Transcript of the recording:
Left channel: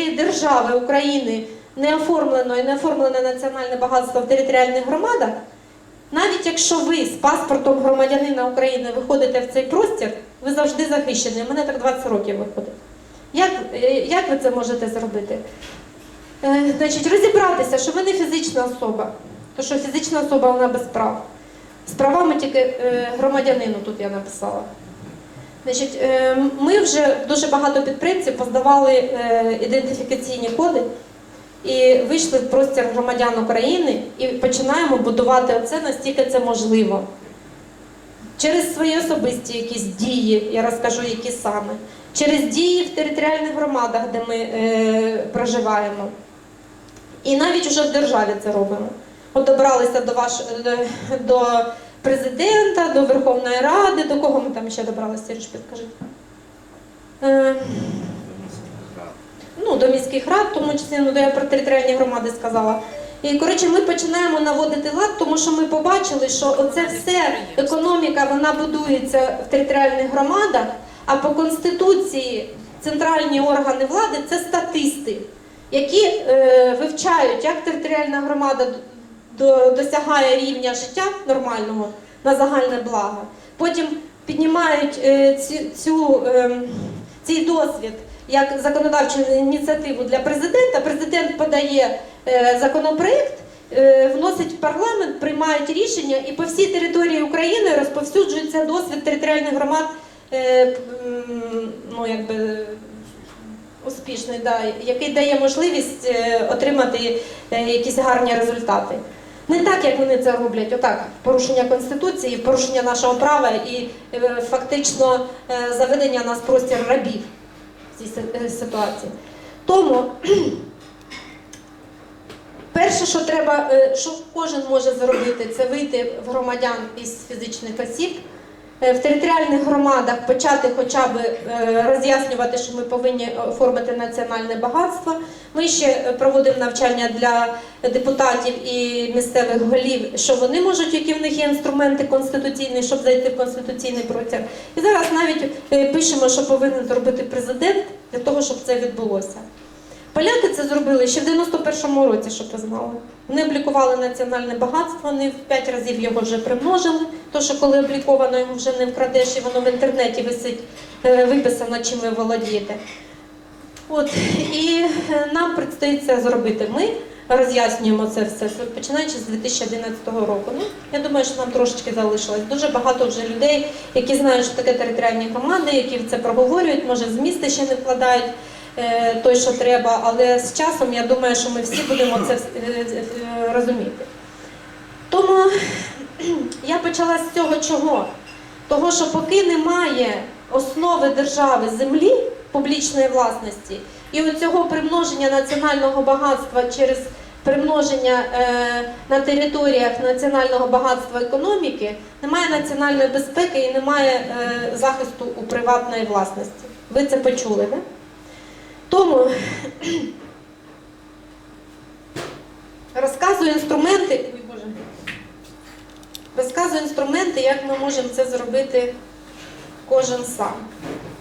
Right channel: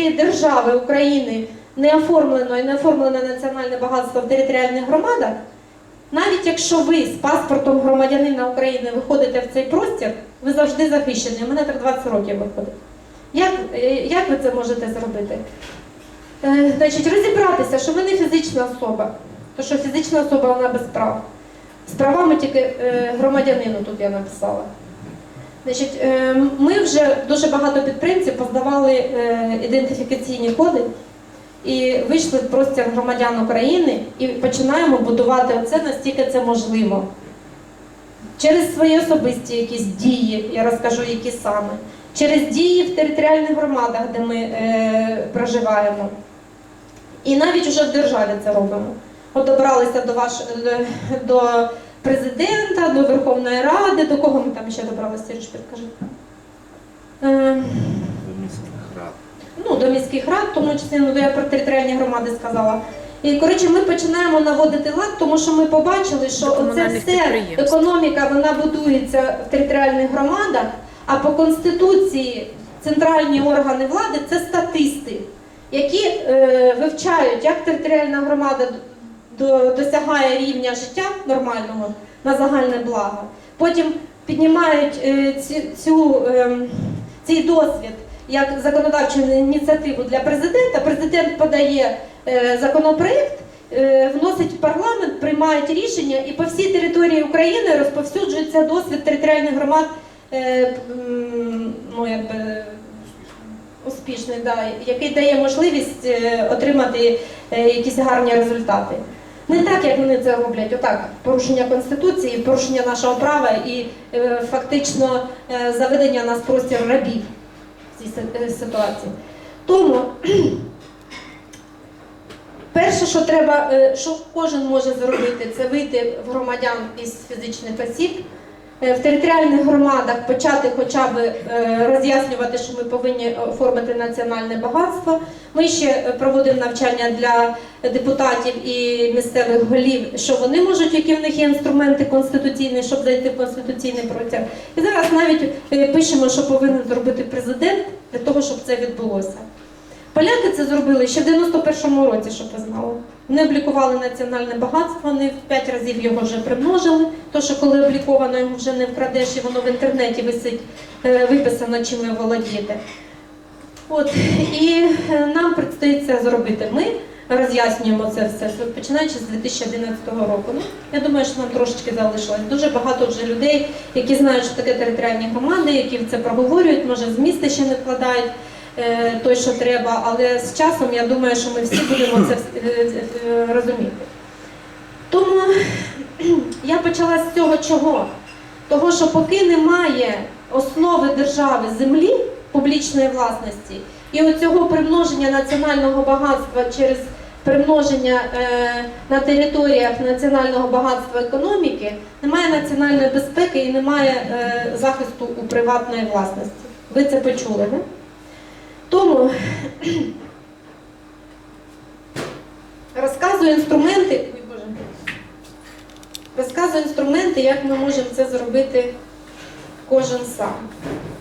цієї держави України не оформлено і не оформлене національне багатство в територіальних громадах, навіть якщо ви з паспортом громадянина України виходите в цей простір, ви завжди захищені. Мене так 20 років виходить. Як, е, як ви це можете зробити? Е, Значить, розібратися, що ви не фізична особа, тому що фізична особа вона без прав. З правами тільки е, громадянину тут я написала. Значить, е, ми вже дуже багато підприємців поздавали е, ідентифікаційні коди і вийшли в простір громадян України і починаємо будувати це настільки це можливо. Через свої особисті якісь дії, я розкажу, які саме, через дії в територіальних громадах, де ми е, проживаємо. І навіть вже в державі це робимо. От добралися до, ваш, до, до президента, до Верховної Ради, до кого ми там ще добралися, Сереж, підкажи. Е, ну, до міських рад, в тому числі ну, то я про територіальні громади сказала. І коротше, ми починаємо наводити лад, тому що ми побачили, що оце все економіка вона будується в територіальних громадах, а по конституції центральні органи влади це статисти, які е, вивчають, як територіальна громада досягає рівня життя нормального на загальне благо. Потім піднімають е, цю, ем, цей досвід як законодавчу ініціативу для президента. Президент подає е, законопроект, е, вносить в парламент, приймають рішення, і по всій території України розповсюджується досвід територіальних громад. Ну, якби успішний, да, який дає можливість отримати якісь гарні результати. Не так, як вони це роблять, отак, порушення Конституції, порушення нашого права і е, фактично е, заведення нас простір рабів в цій е, ситуації. Тому перше, що треба, що кожен може зробити, це вийти в громадян із фізичних осіб. Е, В територіальних громадах почати хоча б е, роз'яснювати, що ми повинні оформити національне багатство. Ми ще проводимо навчання для депутатів і місцевих голів, що вони можуть, які в них є інструменти конституційні, щоб зайти в конституційний процес. І зараз навіть е, пишемо, що повинен зробити президент для того, щоб це відбулося. Поляки це зробили ще в 91-му році, щоб ви знали. Вони облікували національне багатство, вони в 5 разів його вже примножили. То, що коли обліковано, його вже не вкрадеш, і воно в інтернеті висить, е, виписано, чим ви володієте. От, і е, нам предстоїть це зробити. Ми роз'яснюємо це все, починаючи з 2011 року. Ну, я думаю, що нам трошечки залишилось. Дуже багато вже людей, які знають, що таке територіальні громади, які це проговорюють, може з міста ще не вкладають той, що треба, але з часом я думаю, що ми всі будемо це е, е, розуміти. Тому я почала з цього чого? Того, що поки немає основи держави землі публічної власності і оцього примноження національного багатства через примноження е, на територіях національного багатства економіки, немає національної безпеки і немає е, захисту у приватної власності. Ви це почули, не? Тому розказую інструменти. Ой, Боже. Розказую інструменти, як ми можемо це зробити кожен сам.